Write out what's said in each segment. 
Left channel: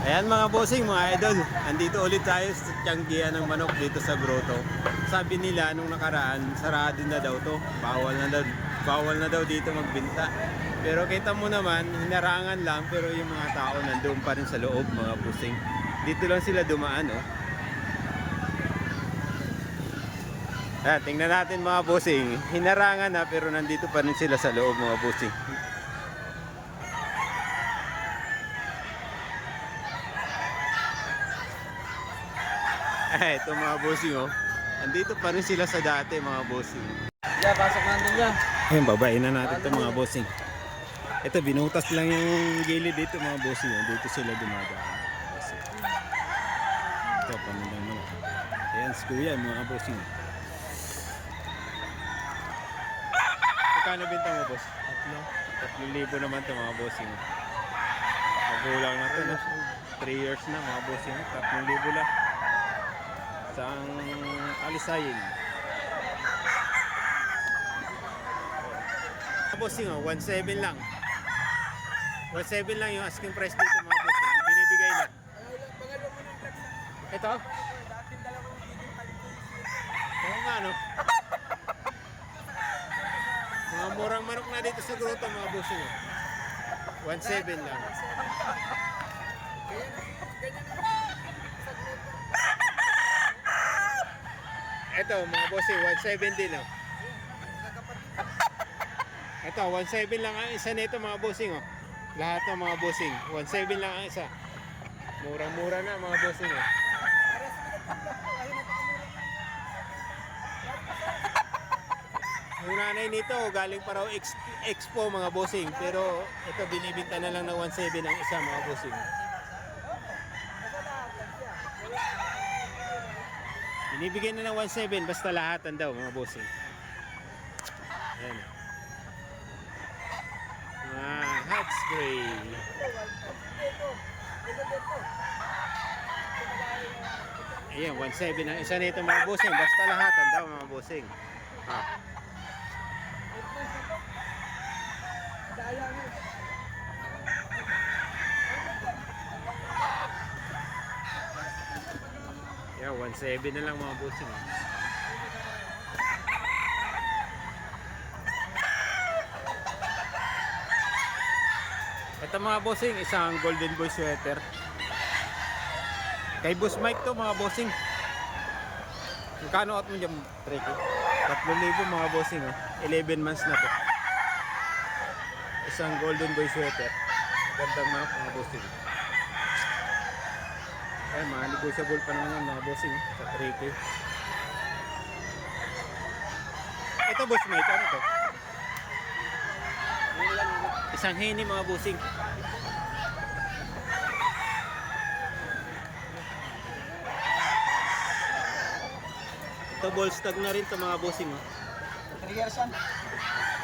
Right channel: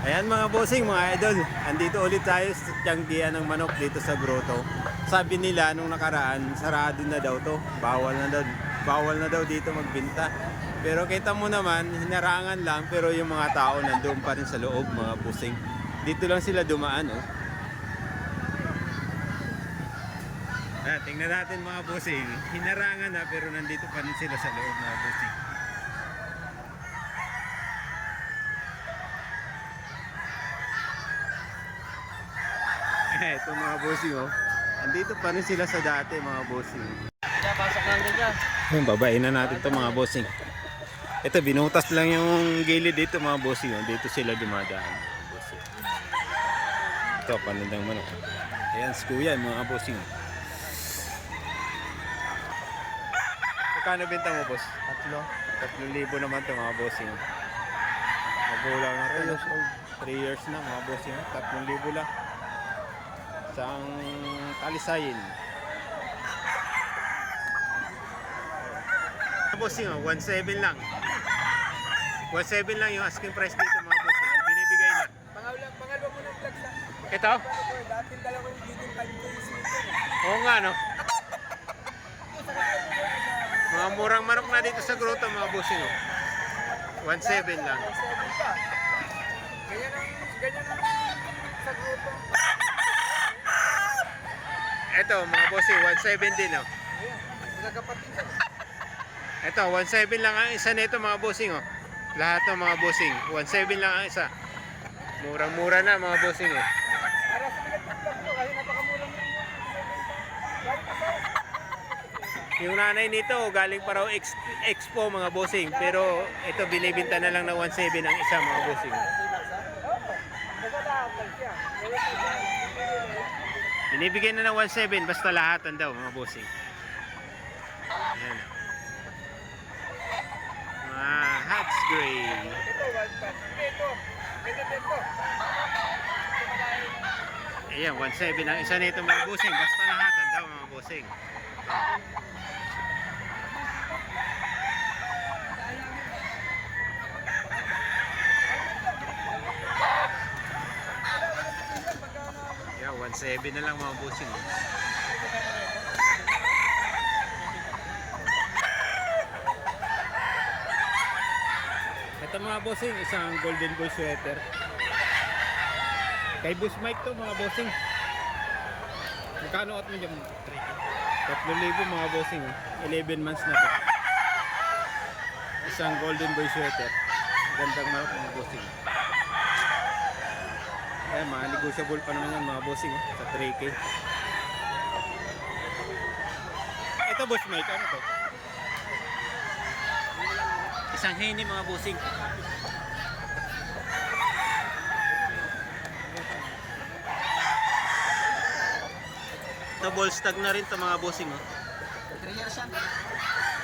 Ayan mga bossing, mga idol. Andito ulit tayo sa tiyanggian ng manok dito sa grotto. Sabi nila nung nakaraan, sarado na daw to. Bawal na daw dito magbenta. Pero kita mo naman, hinarangan lang pero yung mga tao nandoon pa rin sa loob mga bossing. Dito lang sila dumaan, oh. Ayan, tingnan natin mga bossing. Hinarangan na pero nandito pa rin sila sa loob mga bossing. Ito mga bossing, oh. Andito pa rin sila sa dati mga bossing. Yeah, pasok lang din yan. Ayun, babain na natin to mga bossing. Ito, binutas lang yung gilid dito mga bossing, oh. Dito sila dumadaan mga bossing. Ito, panindang manok. Ayan, si kuya mga bossing. Magkano benta mo, boss? 3,000 naman to mga bossing. Magulang na to, no? 3 years na mga bossing. 3,000 lang. Isang kalisayin. Mga bossing, 1,700 lang. 1,700 lang yung asking price dito mga bossing. Binibigay na. Pangalawa mo ng vlog sa Ito? dating dalawa yung giging 5 Oo nga, no? Mga murang manok na dito sa grotto mga bossing, oh. 1,700 lang. Ganyan ang sa grupo. Ito mga bossing, 1,700 din, oh. Nagkakapatid. Ito, 1,700 lang ang isa nito mga bossing, oh. Lahat ng mga bossing, 1,700 lang ang isa. Murang-mura na mga bossing, oh. Para sa pinagpapalak ko, kasi napakamurang lang. Yung nanay nito, galing pa raw expo mga bossing. Pero ito, binibinta na lang ng 1,700 ang isa mga bossing. Binibigyan na ng 1,700 basta lahatan daw mga bossing. Ayan. Mga Hats Gray. Ayan, 1,700 ang isa nito mga bossing. Basta lahatan daw mga bossing. Ah. Yeah, 1,700 na lang mga bossing. Ito mga bossing, isang golden boy sweater. Kay Boss Mike to mga bossing. Magkano out mo dyan? 3,000 mga bossing, oh. 11 months na to. Isang golden boy sweater. Gandang manok mga bossing. Ayan, mga negotiable pa naman yan mga bossing, oh, sa 3K. Ito Boss Mike, ano to? Isang henny mga bossing. Ito Bolstag na rin to mga bossing, oh. 3 years yan.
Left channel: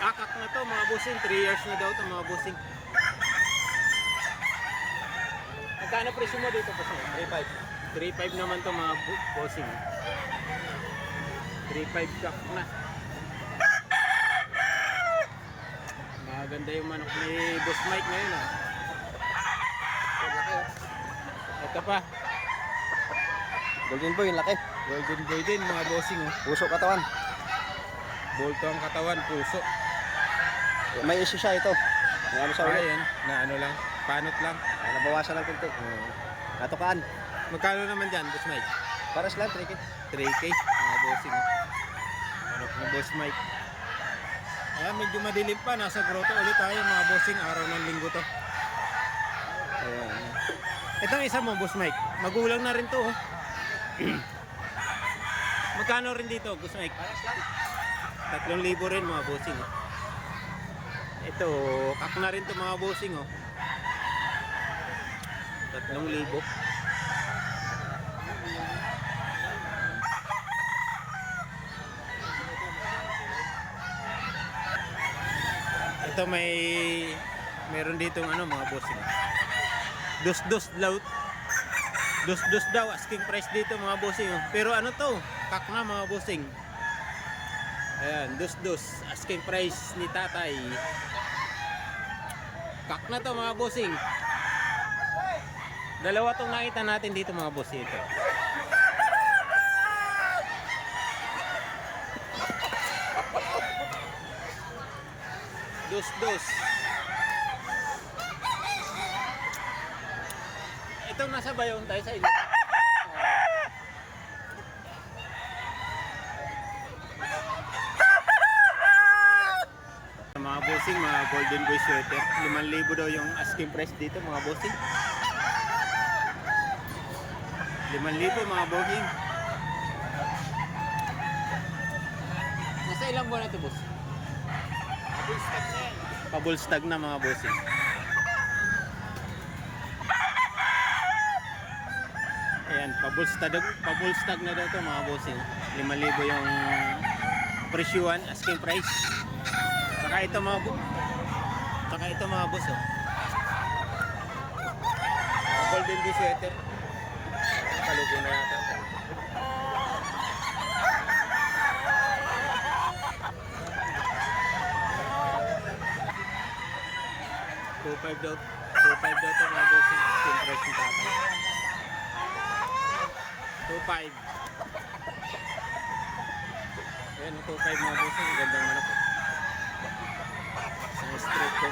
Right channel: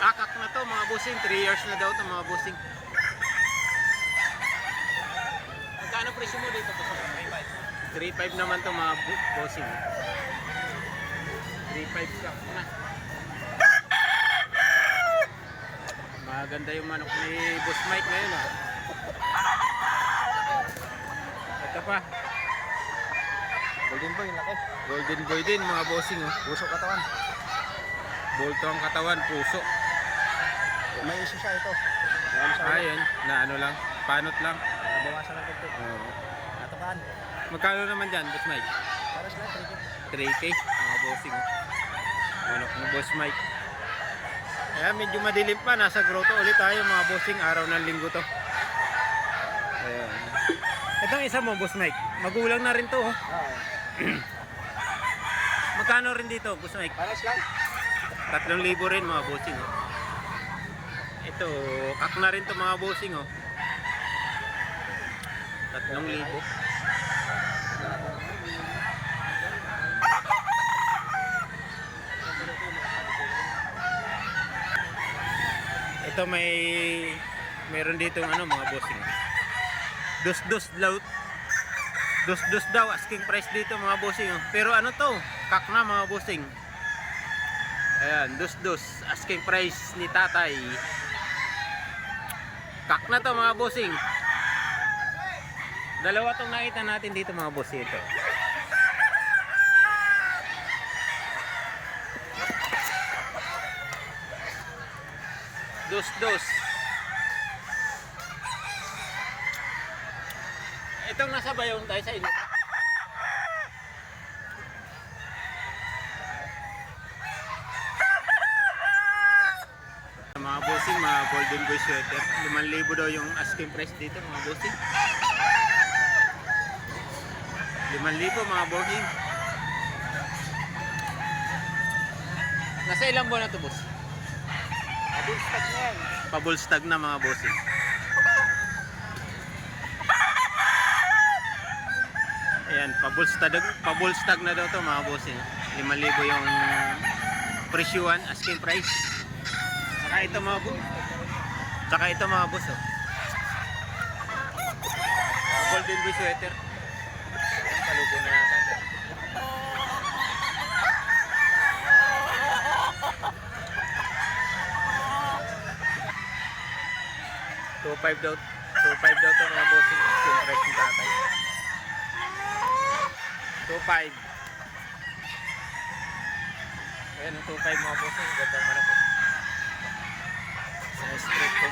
Akak na to mga bossing, 3 years na daw to mga bossing. Magkano presyo mo dito bossing? 3,500 naman to mga bossing. 3,500 kak na. Maganda yung manok ni Boss Mike ngayon, ah. Ito pa, Golden boy, laki. golden boy din mga bossing, oh. Puso katawan. Bolto ang katawan, puso. May issue siya ito. May ano siya. Ayan, na ano lang, panot lang. Nabawasan ng pinto. Oo. Natukaan. Magkano naman dyan, Boss Mike? Para sila, 3K. 3K, mga bossing, oh. Manok ni Boss Mike. Ayan, medyo madilim pa. Nasa grotto ulit tayo mga bossing. Araw ng linggo to. Ayan. Itong isa mo, Boss Mike. Magulang na rin to, oh. Magkano rin dito, Boss Mike? Para sila. 3,000 rin mga bossing, oh. Ito, kak na rin to mga bossing, oh. 3,000. Ito meron dito ano mga bossing. Dos daw asking price dito mga bossing, oh. Pero ano to? Kak na mga bossing. Ayan, dos asking price ni tatay. Kak na to mga bossing. Dalawa tong nakita natin dito mga boss ito. Dos. Itong nasa bayong tayo sa inyo. Mga bossing, mga golden boy sweater. 5,000 daw yung asking price dito mga bossing. 5,000 mga bossing. Nasa ilang buwan na to boss? Pabulstag na mga bossing. Ayan, pabulstag na daw to mga bossing. 5,000 yung presyuan, asking price. Saka ito mga boss oh. Golden boy sweater. Ayan, palugo na yata. $2,500 daw. $2,500 daw to mga bossing. Asking price ng tatay. 2,500. Ayan, 2,500 mga bossing. Gandang manok oh. Straight ko.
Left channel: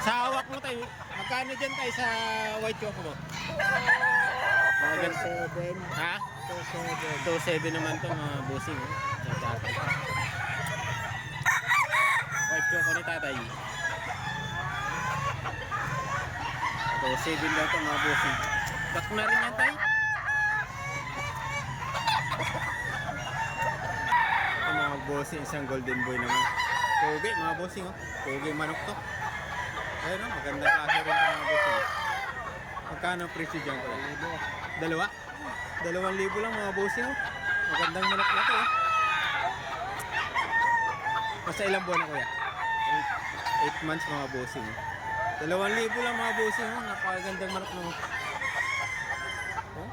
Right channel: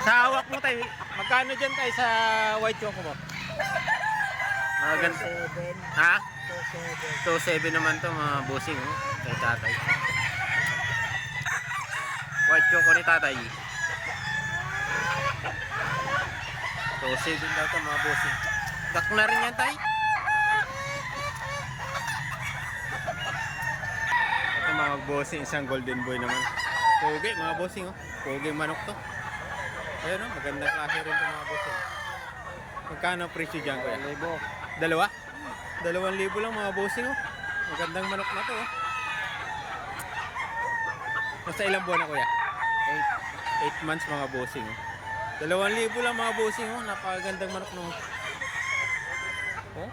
Sa hawak mo tayo, magkano dyan tayo sa white choco mo? Mga ganito. 7. Ha? 2,7. 2,700 naman to mga bossing oh. Kay tatay. White choco ni tatay. 2,700 daw to mga bossing. Dak na rin yan tayo. Ito mga bossing, isang golden boy naman. Pogi mga bossing oh. Pogi manok to. Ayun oh, magandang klase rin to mga bossing oh. Magkano presyo dyan kuya? 2,000. 2,000 lang mga bossing oh. Magandang manok na to oh. Nasa ilang buwan na kuya? 8 months mga bossing oh. 2,000 lang mga bossing oh. Napakagandang manok no. Oh.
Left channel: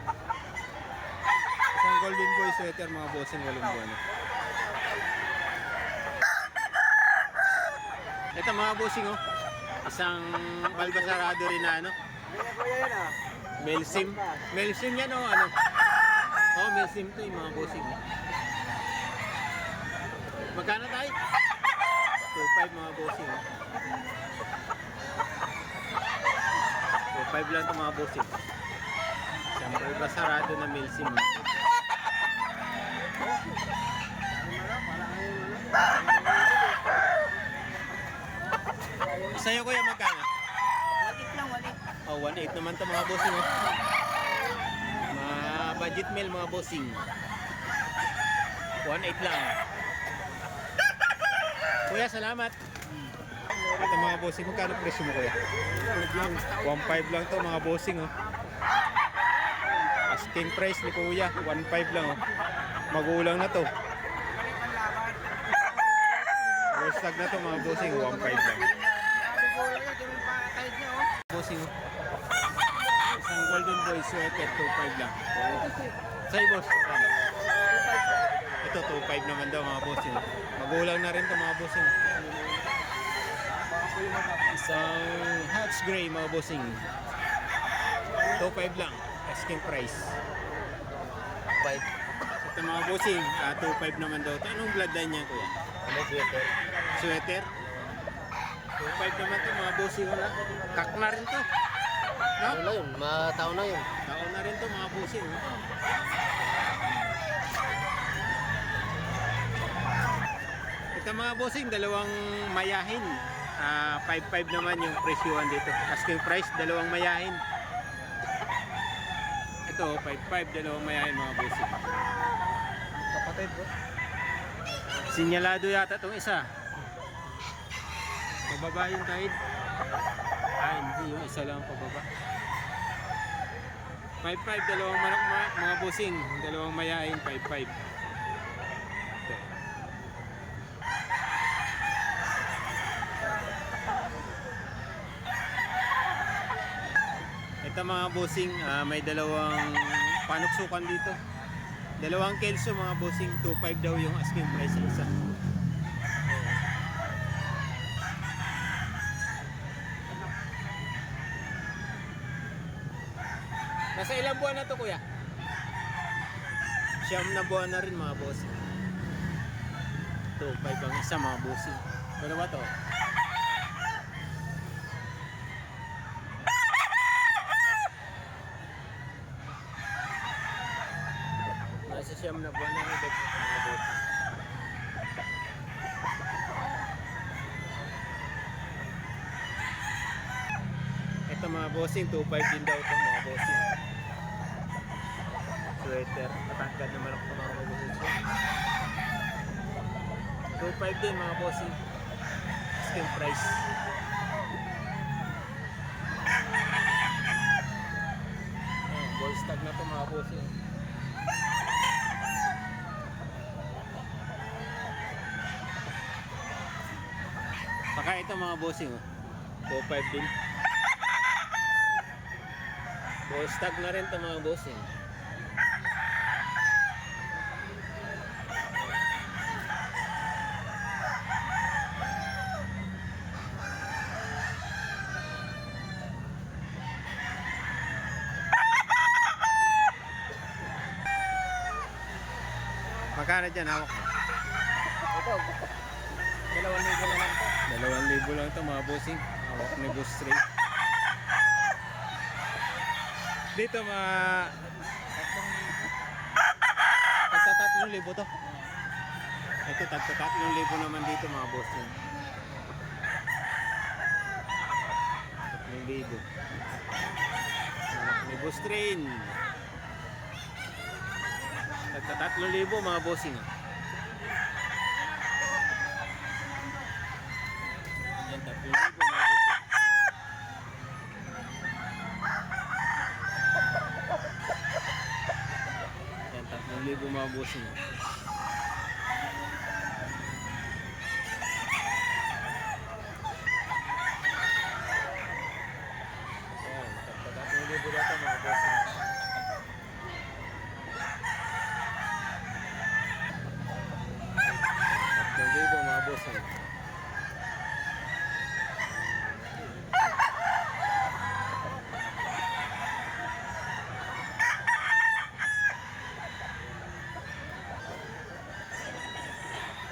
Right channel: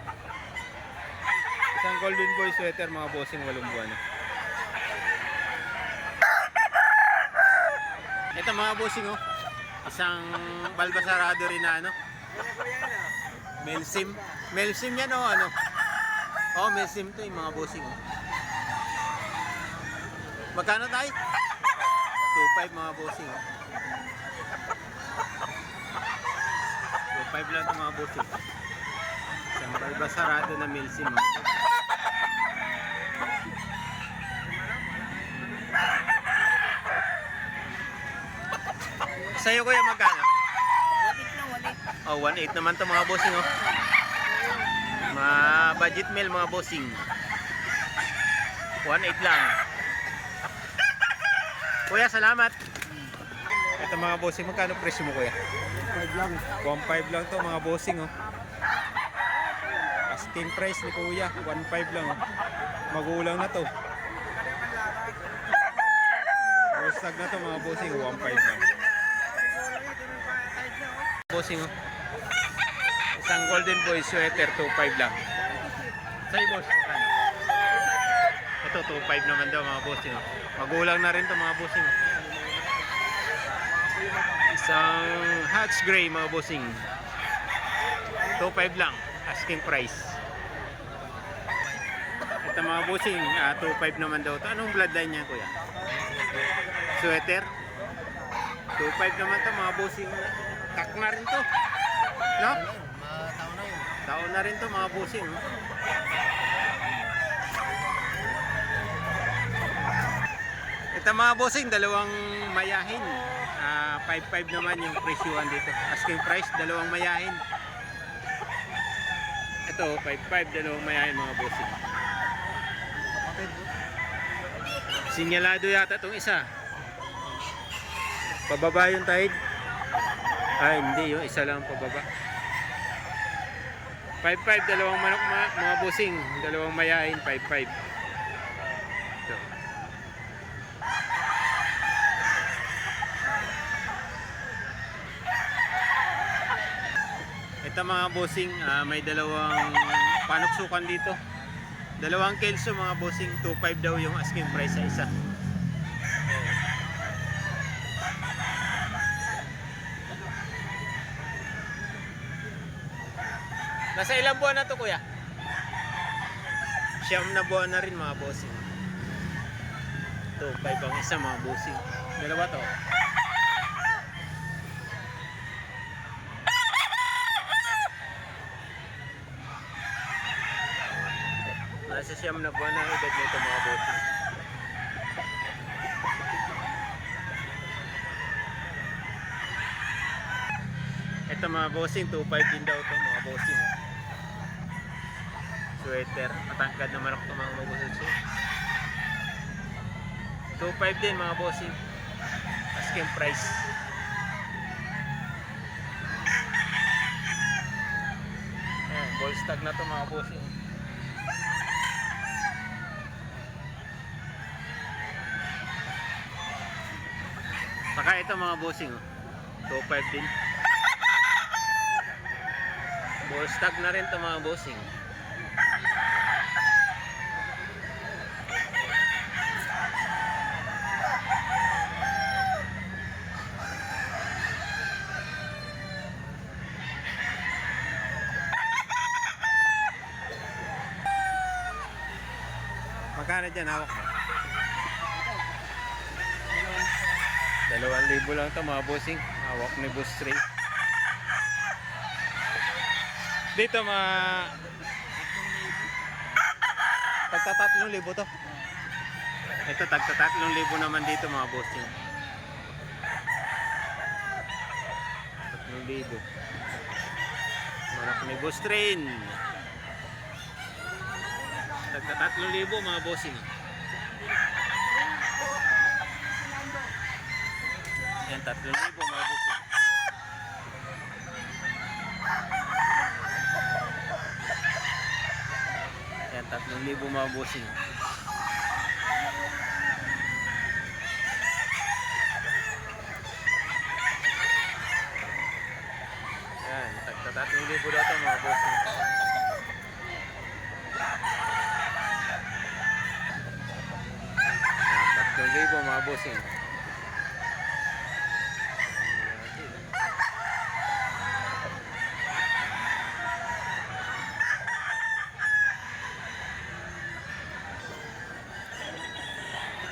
Isang golden boy sweater mga bossing, 8 buwan oh. Ito mga bossing oh. Isang balbasarado rin na ano. Melsim. Melsim yan oh ano. Oh, Melsim to yung mga bossing oh. Magkano tayo? 2,500 mga bossing oh. 2,500 lang to mga bossing. Isang balbasarado na Melsim mga bossing. Sa'yo kuya magkano? 1,800 lang, 1,800. Oh, 1,800 naman to mga bossing oh. Mga budget meal mga bossing. 1,800 lang. Kuya, salamat. Ito mga bossing, magkano presyo mo kuya? 1,500 lang to mga bossing oh. Asking price ni kuya, 1,500 lang oh. Magulang na to. Hashtag na to mga bossing, 1,500 lang. Bossing oh. Isang golden boy sweater, 2,500 lang. Sa'yo boss, magkano? Ito, 2,500 naman daw mga bossing oh. Magulang na rin to mga bossing oh. Isang Hatch Gray mga bossing, 2,500 lang. Asking price. Ito mga bossing, 2,500 naman daw to. Anong bloodline niya kuya? Sweater? 2,500 naman to mga bossing na. Kak na rin to. No? Tao na yun, tao na yun. Tao na rin to mga bossing. Oh. Ito mga bossing, dalawang mayahin. 5,500 naman yung presyuhan dito. Asking price, dalawang mayahin. Ito, 5,500, dalawang mayahin mga bossing. Kapatid bro. Sinyalado yata itong isa. Pababa yung tide. Hindi, yung isa lang pababa. 5,500, dalawang manok mga bossing. Dalawang mayahin, 5,500. Ito. Ito mga bossing, may dalawang panuksukan dito. Dalawang kelso mga bossing, 2,500 daw yung asking price sa isa. Nasa ilang buwan na to, kuya? Siyam na buwan na rin, mga bossing. 2.5 ang isa, mga bossing. Dalawa to. Nasa siyam na buwan na ang edad nito, mga bossing. Ito mga bossing, 2.5 din daw to, mga bossing. Sweater, matangkad na manok ng mga mabusog siya. 2.5 din, mga bossing. Asking price. Ayan, ball stag na to, mga bossing. Saka ito, mga bossing, 2.5 din. Ball stag na rin to, mga bossing. Magkano dyan hawak mo? Ito, 2,000 na lang. 2,000 lang to, mga bossing. Hawak ni Boss Ray. Dito mga 3,000. tagta 3,000 to. Ito tagta 3,000 naman dito, mga bossing. 3,000. Manok ni Boss Train. Tagta 3,000, mga bossing. Yan, 3,000, mga bossing. Yan, 3,000, mga bossing. Yan, tagta 3,000 daw ito, mga bossing. Ah, 3,000, mga bossing.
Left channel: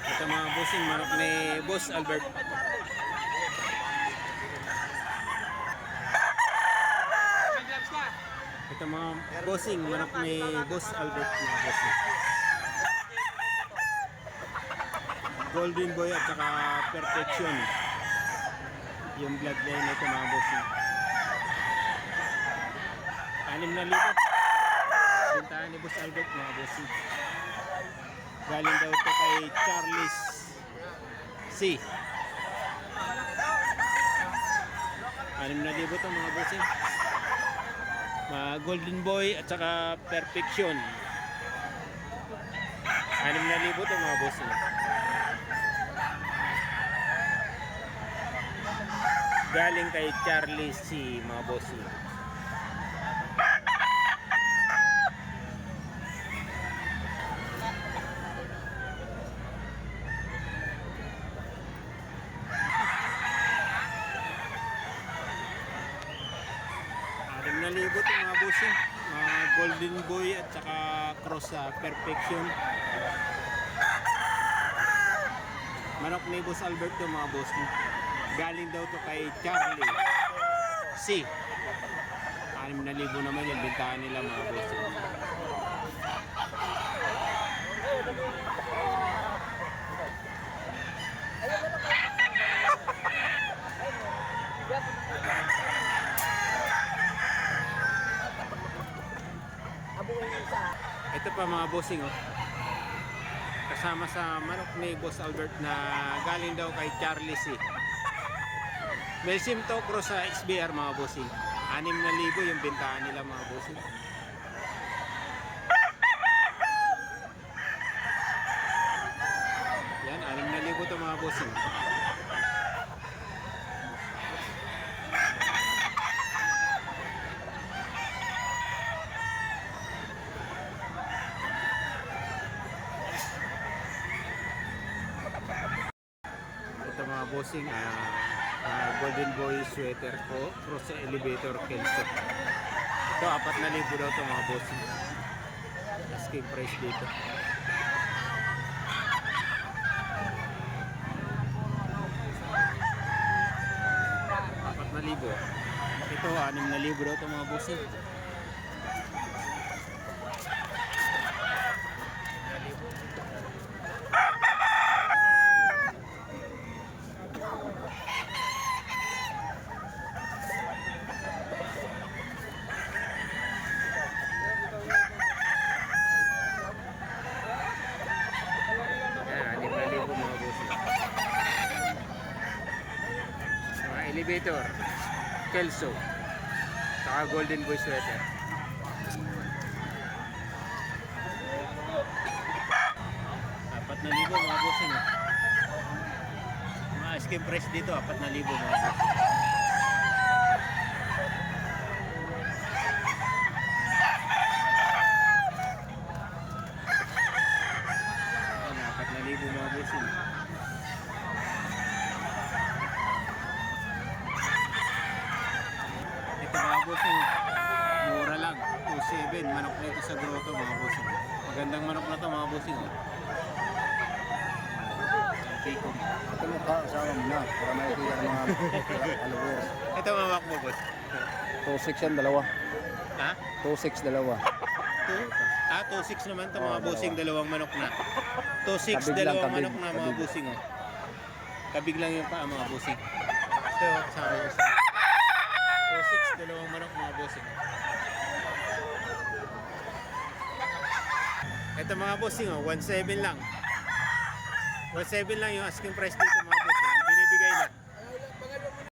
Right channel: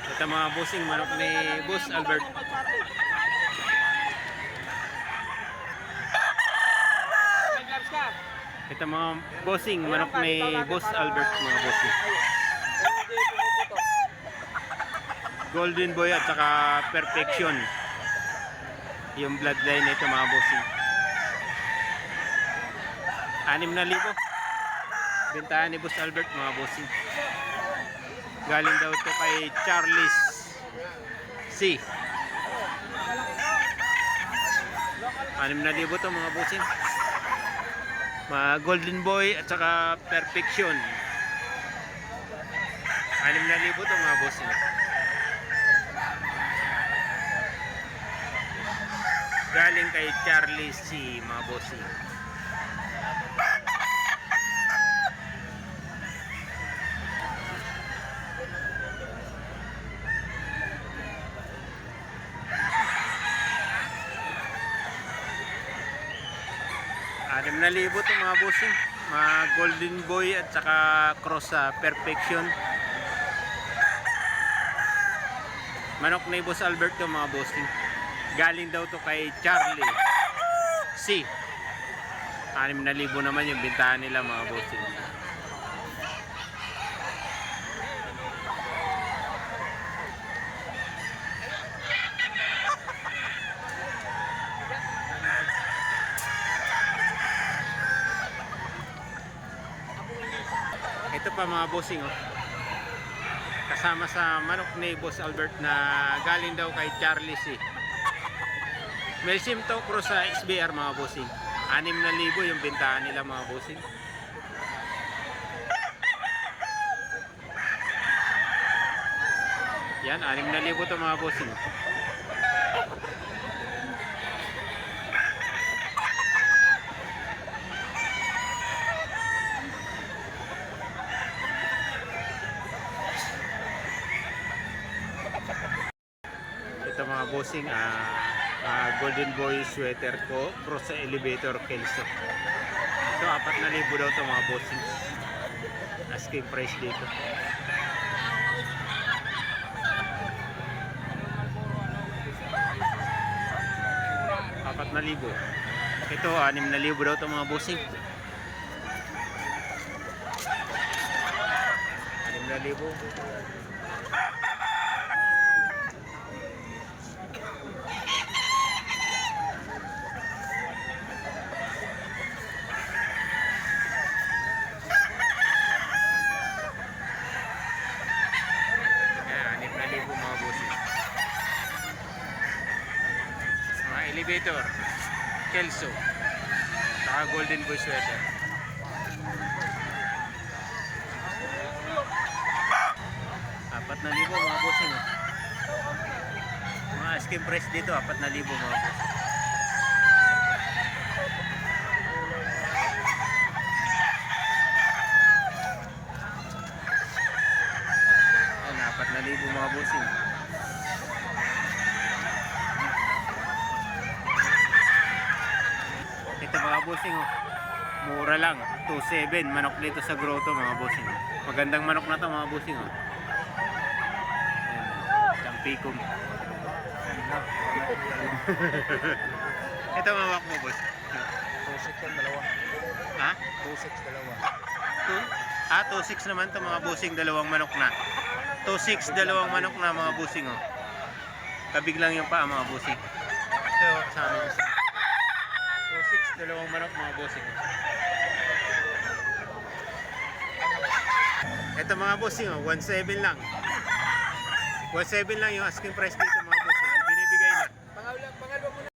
Ito mga bossing, manok ni Boss Albert. Ito mga bossing, manok ni Boss Albert, mga bossing. Golden Boy at saka Perfection. Yung bloodline nito, mga bossing. 6,000. Bintahan ni Boss Albert, mga bossing. Galing daw to kay Charles C. 6,000 to, mga bossing. Mga Golden Boy at saka Perfection. 6,000 to, mga bossing. Galing kay Charlie C, mga bossing. Anim na libo to, mga bossing. Mga Golden Boy at saka Cross sa Perfection. Manok ni Boss Albert to, mga bossing. Galing daw to kay Charlie C. 6,000 naman yung bintahan nila, mga bossing. Ito pa, mga bossing, oh. Kasama sa manok ni Boss Albert na galing daw kay Charlie C. Melsim to, cross sa XBR, mga bossing. 6,000 yung bintahan nila, mga bossing. Yan, 6,000 to, mga bossing. Ito, mga bossing, Golden Boy sweater ko, cross sa elevator Kelso. Ito, 4,000 daw to mga bossing. Asking price dito. Apat na libo. Ito, 6,000 daw to mga bossing. 6,000. Ayan, 6,000 mga bossing. Mga elevator, Kelso, saka Golden Boy sweater. Apat na libo mga bossing. Oh. Mga asking price dito, 4,000 mga bossing. Ayan, 4,000 mga bossing. Ito mga bossing, oh. Mura lang, 2,700 manok dito sa grotto mga bossing. Oh. Magandang manok na to mga bossing. Oh. Isang pikom. Ito mawak mo boss. 2.6 yan, dalawa. Ha? 2.6, dalawa. 2.6 naman to mga bossing, dalawang manok na. 2.6 dalawang manok na mga bossing. Oh. Kabig lang yung paa mga bossing. Ito kasama yung isa. 2.6 dalawang manok mga bossing. Ito mga bossing, oh, 1.7 lang. 1.7 lang yung asking price dito